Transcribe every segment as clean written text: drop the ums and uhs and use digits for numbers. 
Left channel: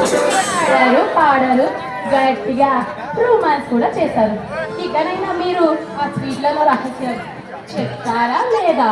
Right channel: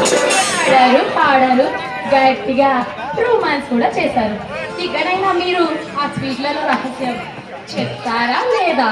ఆడారు పాడారు గట్టిగా రొమాన్స్ కూడా చేశారు. ఇక్కడైనా మీరు ఆ స్వీట్లలో రహస్యం చెప్తారా లేదా?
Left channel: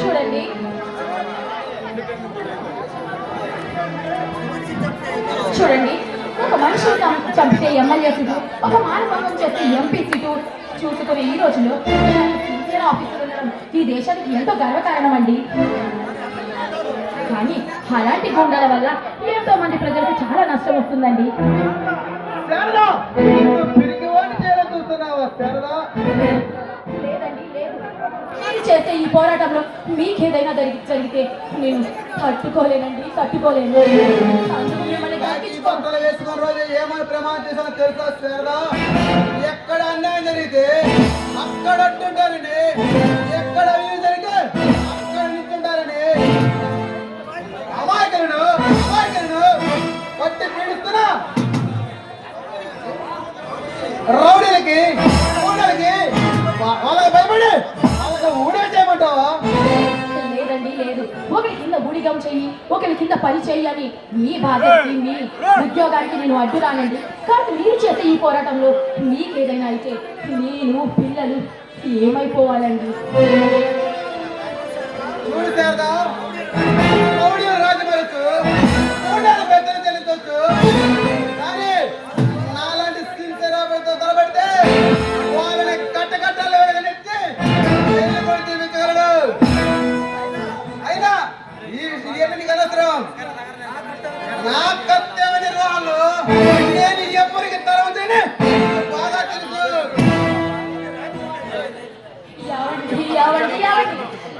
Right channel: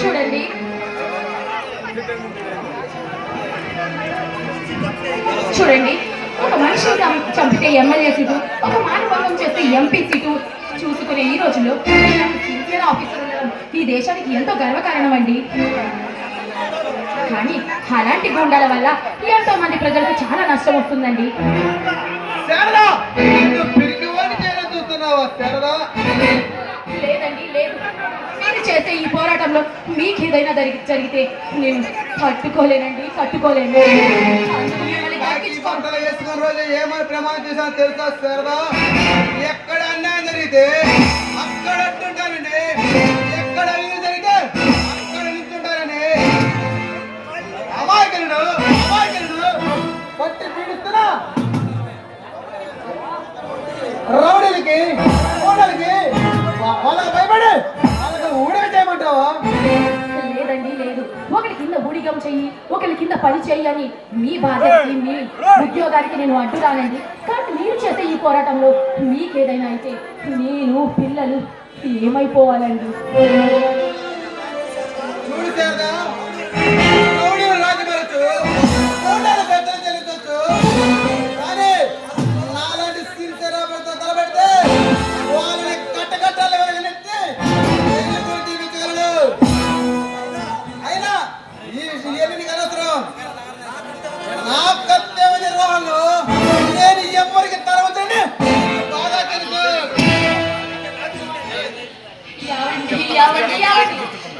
చూడండి, చూడండి, ఒక మనిషి చంపితే ఎమ్మెల్యే సీటు, ఒక మానభంగం చేస్తే ఎంపీ సీటు చూసుకునే ఈ రోజుల్లో సిన్సియర్ ఆఫీసర్ ఈ దేశానికి ఎంతో గర్వకారణం అండి. కానీ అలాంటి గుండాల వల్ల ఎంతో మంది ప్రజలకు చాలా నష్టం వస్తుందండి. లేదండి, లేదు. మీరు చేసే ఈ పోరాటంలో మీకు ఏదైనా జరిగితే నేను తట్టుకోలేనండి, తట్టుకోలేను. ఏమైనా ప్రమాదం చేసా తెలుసా శారదా? ఎక్కడ అన్యాయం జరిగితే అక్కడ అట్టుంటారండి, ఎక్కడ అన్యాయం జరిగితే అక్కడ నిల్చుంటారండి. అమాయకులను పట్టి పీడిస్తున్నా రౌడీలకి వాళ్ళకి భయపడి వాళ్ళకి ఊడే చేయమంటావా? లేదండి, లేదు. ఒకరి కింద బుడిగం చెయ్యి, ఒకరి కింద పని చెయ్యి అని మీ బాధ్యతకి మీ ఉద్యోగానికి నేను అడ్డు రానండి. కాబట్టి మీరు చేసే ఈ పోరాటంలో మీకేదైనా అయితే నేను పిల్లలు ఏమైపోవాలండి?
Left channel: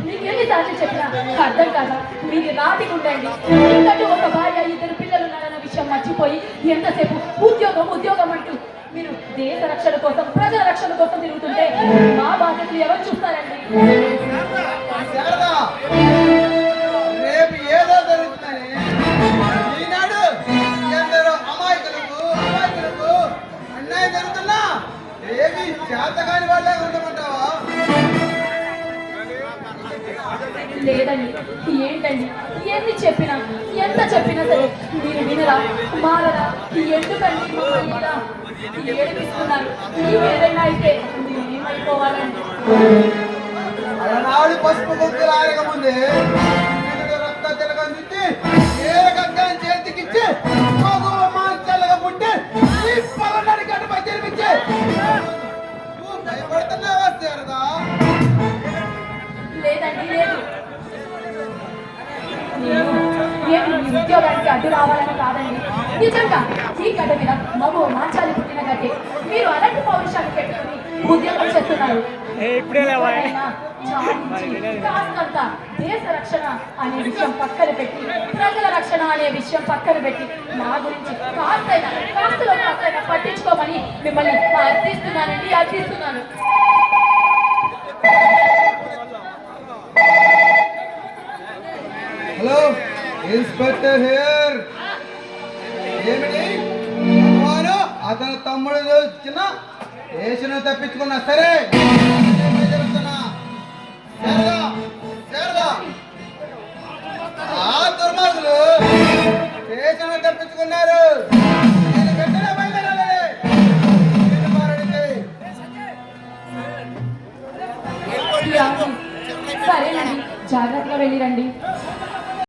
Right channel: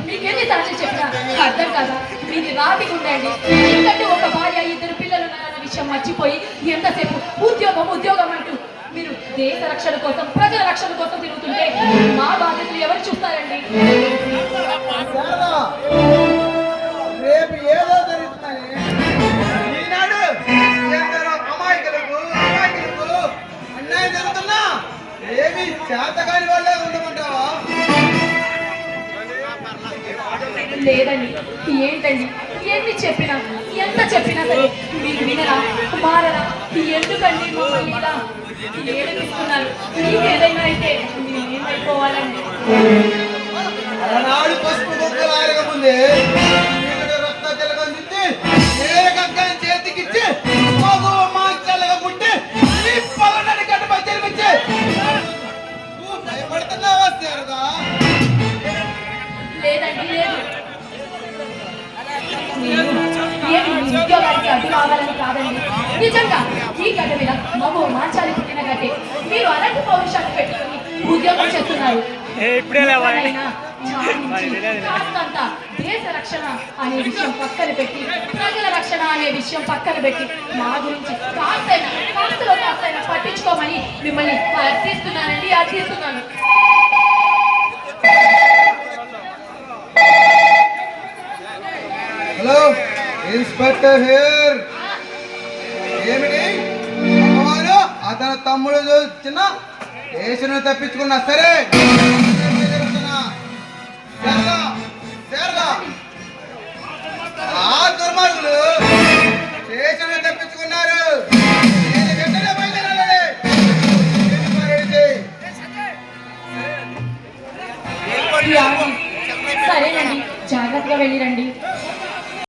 మీకెన్నిసార్లు చెప్పినా అర్థం కాదా? మీది రాటికి ఉండండి. ఎందుకంటే ఒక భార్య ఇద్దరు పిల్లలు ఉన్నారన్న విషయం మర్చిపోయి ఎంతసేపు ఉద్యోగం అంటూ మీరు దేశ రక్షణ కోసం ప్రజల రక్షణ కోసం తిరుగుతుంటే మా బాధ్యతలు ఎవరు చూస్తారండి? రేపు ఏదో జరుగుతుందని ఈనాడు ఎందరో అమాయకులకు అన్యాయం జరుగుతున్నా ఏమి చేతగాని వాళ్ళే ఉండమంటావా? లేదండి, ఏంటండి ఎన్ని చెప్పినా ఎంత చెప్పినా సరే మీరు వినరా, మారరా? ఎందుకండి మమ్మల్ని ఇలా ఏడిపిస్తున్నారు? మీకు ఏదైనా అయితే ఏమైపోవాలండి? అలనాడు పసుపు బొక్కులు ఆరగముందే రక్త తిలకందించి ఏ గగ్గం చేతికిచ్చి మాంచాలుగా పుట్టి పలనడి గడ్డపై జరిపించి నువ్వు భయపడుతున్నావా శారదా? లేదండి, లేదు. నేను ఉద్యోగానికి అడ్డు రావాలని కాదండి. నిజంగా ఈ గడ్డ మీద మగో మాంచాలి పుట్టిన గడ్డే. మీరు అలాంటి పౌరుషాన్ని పెట్టుకుని ఉద్యోగం చేస్తున్నారు. కాస్తంత దేశ రక్షణ అనే విషయం పక్కన పెట్టి, ప్రజల రక్షణ అనే విషయం పక్కన పెట్టి నా గురించి కాస్తైనా పట్టించుకోమని మిమ్మల్ని అర్థిస్తున్నాను. Hello inspector here. ఏమిటి అతని తమ్ముడు చిన్న దేశం తప్పించుకున్నా సరే ఆ దుర్మార్గులు దేశం తప్పించుకున్నారు. సరేనండి, జాగ్రత్తగా వెళ్ళిరండి.